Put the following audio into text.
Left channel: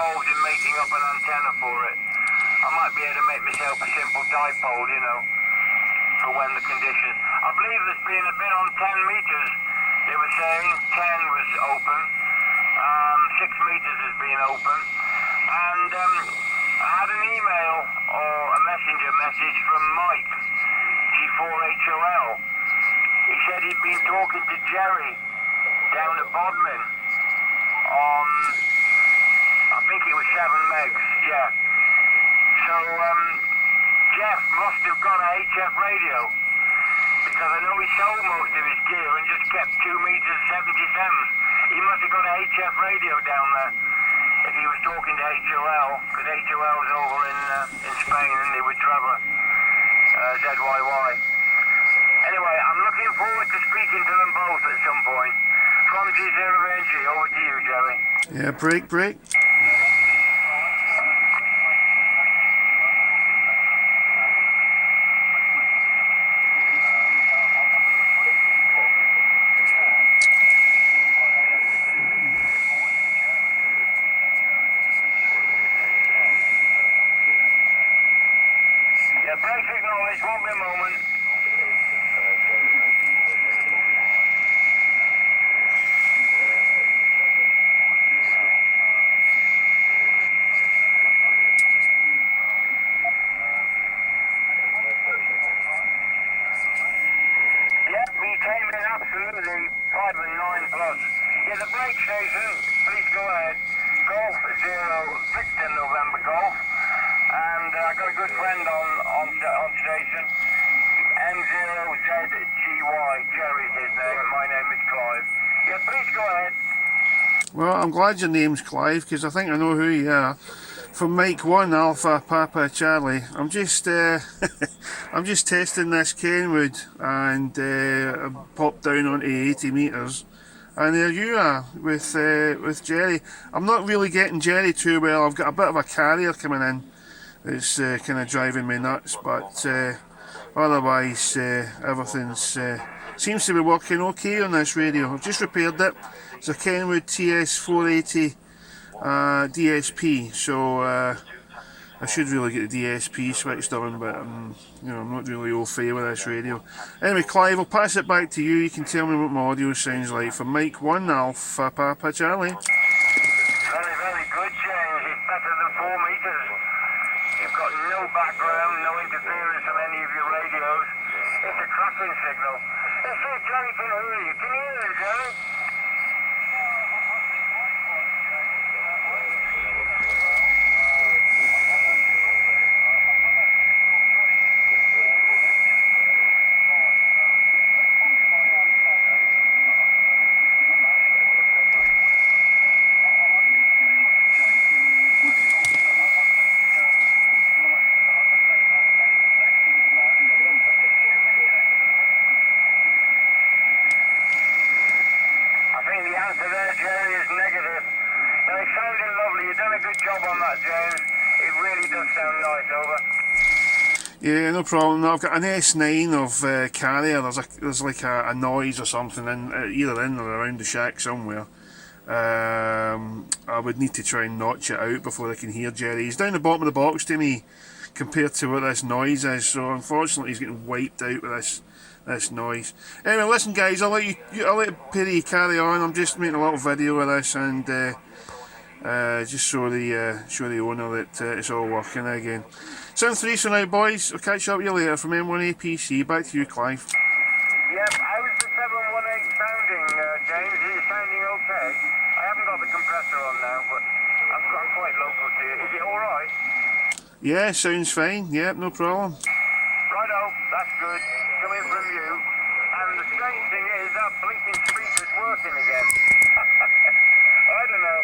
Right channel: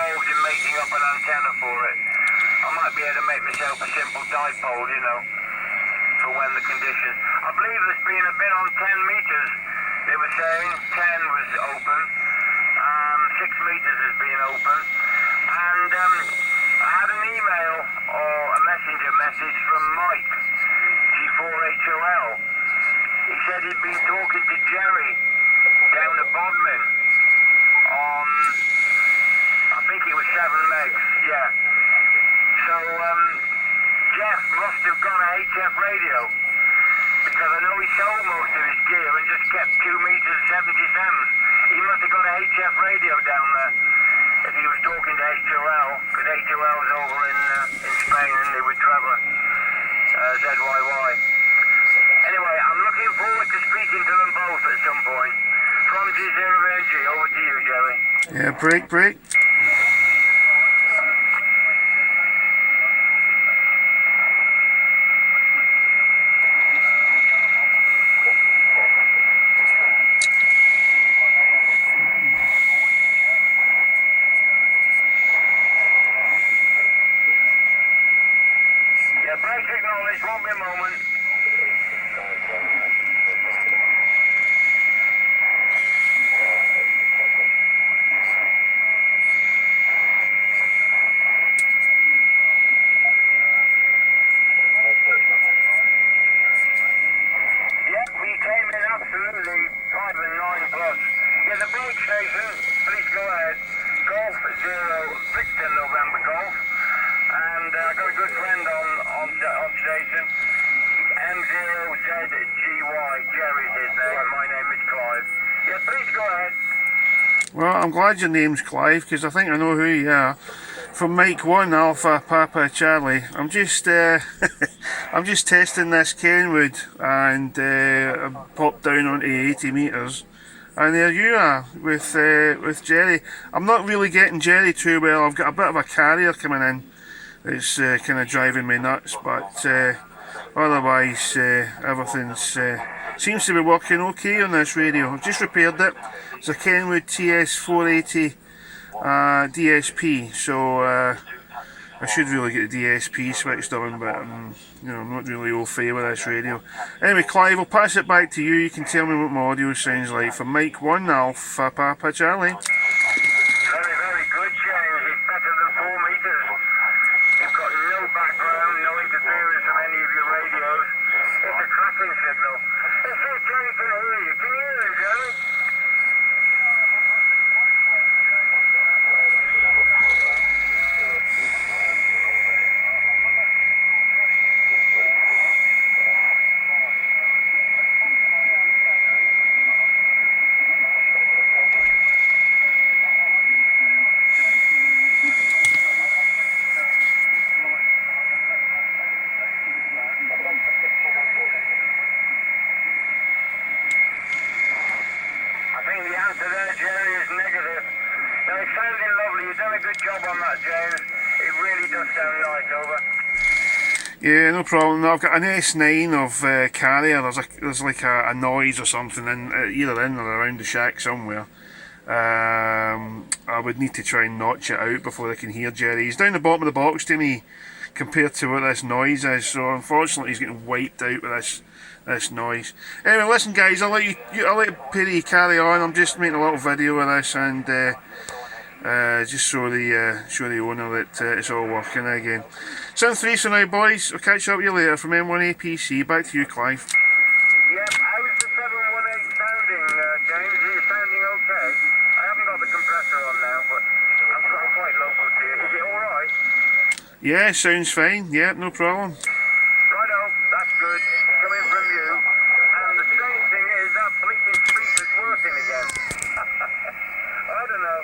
involved in making up an antenna for it. I might be able to make myself a simple dipole, you know, for when the conditions. I believe there's been a bit on 10 meters. They were saying 10 was open. 6 meters has been open. And I had an email or a messenger message from Mike, G4HOL. He said he'd been talking to Jerry down at Bodmin on, I think it was 7 megs, yeah. So Jeff must have got a HF radio, because I know he sold most of his gear and just kept 2 meters 77s. He must have got a HF radio down there if he was talking to HOL, because HOL's over in Spain and they would Trevor, ZYY. Anyway, I'm looking forward to speaking to them both at some point. From G0-G, over to you, Jerry. Yeah, break. Yeah, break acknowledged, won't be a moment. Yep, we came in absolutely 5 and 9 plus. Yeah, the brake station, please go ahead. Golf 0, Victor November Golf. And I got a good friend on station. M0ZGY, Jerry's his name, my name is Clive. Yeah, please go ahead. Well, I'm glad your name's Clive, because I think I know who you are. From Mike 1 Alpha Papa Charlie. I'm just I'm just testing this Kenwood, and I popped down onto 80 meters, and there you are with Jerry. I'm not really getting Jerry too well. I've got a bit of a carrier coming in. It's kind of driving me nuts, but otherwise everything seems to be working okay on this radio. I've just repaired it. It's a Kenwood TS0-480 DSP, so I should really get the DSP switched on, but you know, I'm not really au fait with this radio. Anyway, Clive, I'll pass it back to you. You can tell me what my audio sounds like from Mike 1 Alpha Papa Charlie. Very, very good, James. It's better than 4 meters. You've got no background, no interference from any of your radios. It's a tracking signal. Let's see if Jerry can hear you. Can you hear him, Jerry? I think the answer there, Jerry, is negative. Now, it's sounding lovely. You've done a good job on that, James. It really does sound nice, over. Yeah, no problem. No, I've got an S9 of carrier. There's like a noise or something either in or around the shack somewhere. I would need to try and notch it out before I can hear Jerry. He's down the bottom of the box to me compared to what this noise is, so unfortunately he's getting wiped out with this noise. Anyway, listen guys, I'll let Perry carry on. I'm just making a little video of this, and just show the owner that it's all working again. Sound 3 for now, boys. I'll catch up with you later from M1 APC. Back to you, Clive. Yep, how's the 718 sounding, James? Are you sounding okay? I haven't got the compressor on now, but I'm quite local to you. Is it alright? Yeah, sounds fine. Yeah, no problem. Righto, that's good. Coming from you. And the strange thing is that blinking speaker's working again. I don't know.